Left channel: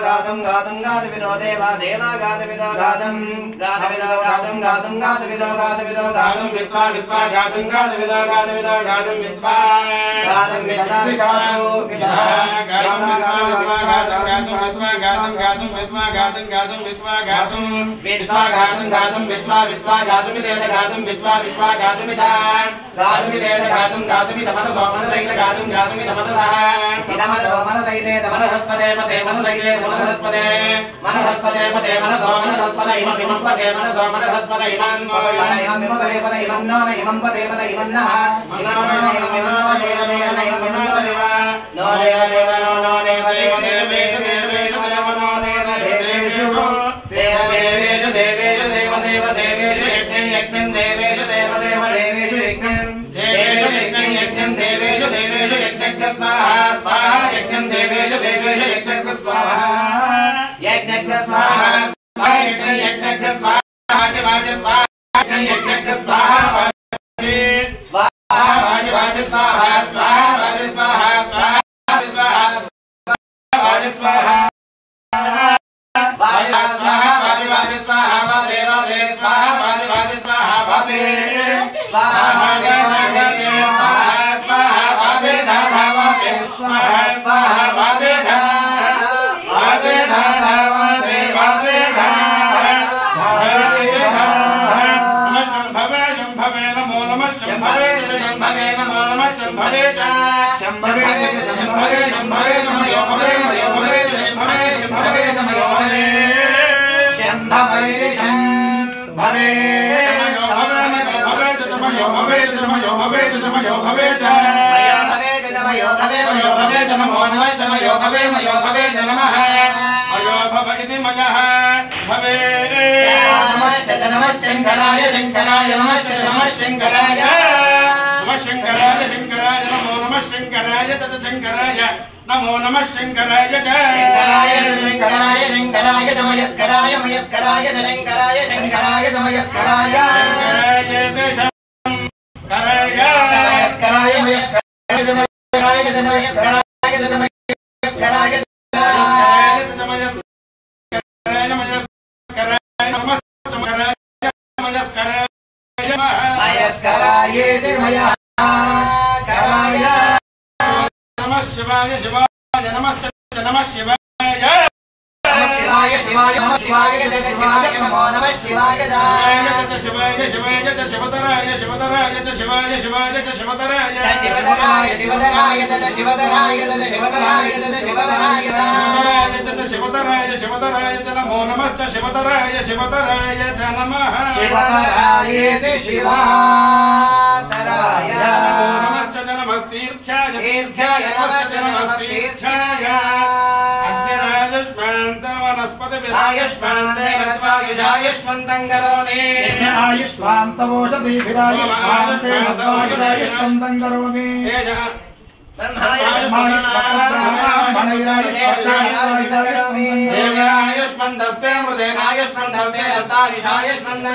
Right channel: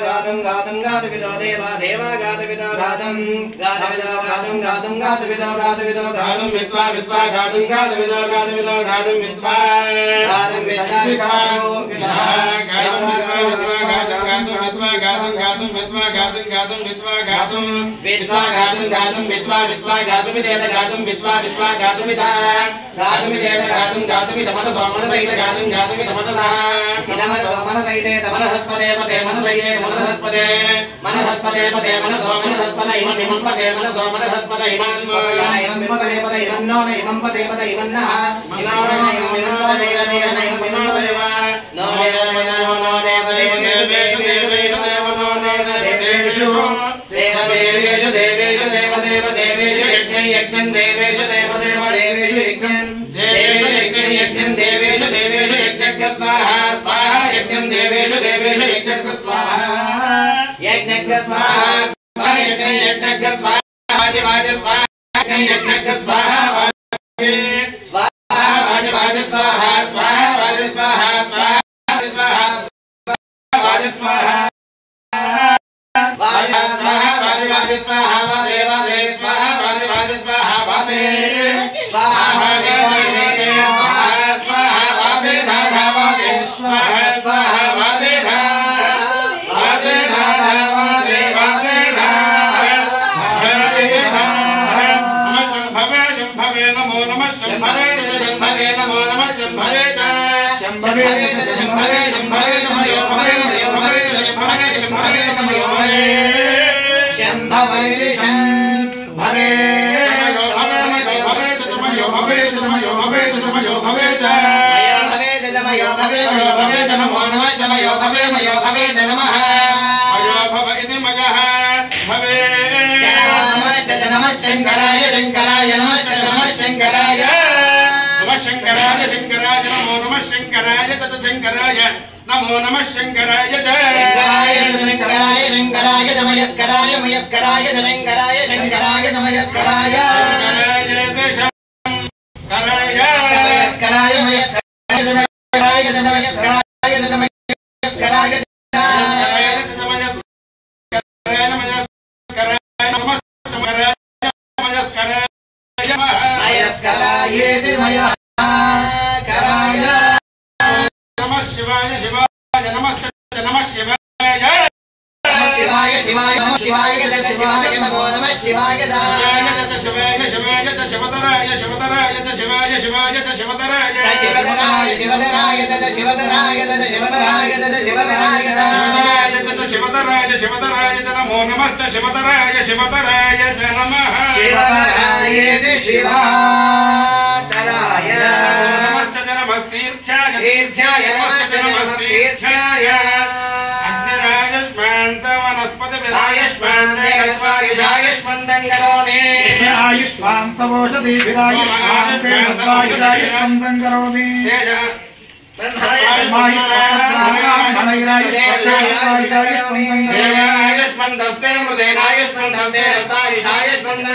गातुं गातुं गातुविदो देवा देवा गातुविदो गातुं गातुविदो गातुं गातुं गातुविदो गातुविदो गातुं विद्वा विद्वा गातुं गातुविदो गातुविदो गातुं विद्वा गातुं विद्वा विद्वानो विद्वा गातुं विद्वा गातुं गातुं विद्वा गातुं विद्वा गातुं गातुं विद्वा विद्वा गातुं विदेन गातुं विद्वा विद्वा गातुं विदा गातुं विदेन गातुं गातुं विदमन सोमन सहित गातुं गातुं विदमनदा विदमन सोमन सहित मनसस्पदे पदे मनसहिते मनसस्पदे मनसस्पदे पदे मनसोमनसस्पद इमं इमं पदे मनसोमनसस्पद इमं इमं पदे पदे इमं नो इमं पदे पदे इमं नः इमं नो इमं नो देव देव इमं इमं नो देव नो देव देव नो देव देव देवेषु देवेषु देवेषु देव देव देवेषु यज्ञं यज्ञं देवेषु देव देव देवेषु यज्ञं देवेषु यज्ञं यज्ञं देवेषु देवेषु यज्ञस्य स्वाहा स्वाहा यज्ञं देवेषु देवेषु यज्ञस्य स्वाहा यज्ञस्य स्वाहा स्वाहा यज्ञं यज्ञस्य स्वाहा वाज स्वाहा यज्ञस्य स्वाहा स्वाहा वाज स्वाहा स्वाहा वाज स्वाहा स्वाहा स्वाहा वाज स्वाहा वाज स्वाहा वाज स्वाहा वाजे वाजे स्वाहा वाज स्वाहा वाजे स्वाहा वाजे वाजे स्वाहा स्वाहा वाजे धारा वाजे स्वाहा स्वाहा वाजे धारा वाजे धारा वाजे वाजे धारा शंभवे शंभवे नमो नमः शंभवे शंभवे नमो नमः शंभवे शंभवे शंभवे शंभवे नमो भवे भवे भवे शंभवे शंभवे नमो भवे शंभवे शंभवे शंकराय शंकराय नमः शंकराय नमः शंकराय शंकराय नमो नमः शंकराय तत शंकराय नमो नमः शंकराय शंकराय शंकराय शंकराय नमस्कराय मयस्कराय शंकराय शंकराय नमस्कराय कराय मयस्कराय मयस्कराय नमस्कराय नमस्कराय नमस्कराय शिवाय शिवाय नमः शिवाय शिवाय शिवाय नमः शिवाय शिवाय नमो नमः शिवाय शिवाय शिवाय शिवतराय शिवतराय शिवाय शिवाय शिवतराय शिवतराय शिवतराय शिवतराय शिवतराय शिवतराय शिवतराय शिवतराय नमो नमश्च शिवतराय शिवतराय नमः शिवतराय शिवातराय नमश्च नमस्तीर्थ्याय तीर्थ्याय नमश्च नमस्तीर्थ्याय आयुष्मन्तं करोमि आयुष्मान् सवोषधि विरायुष्मान् देवस्वायुष्मन्तं करोमि आयुष्मन्तस्ते मृदेन आयुष्मन्तस्ते रतायुषायुष्मन्तं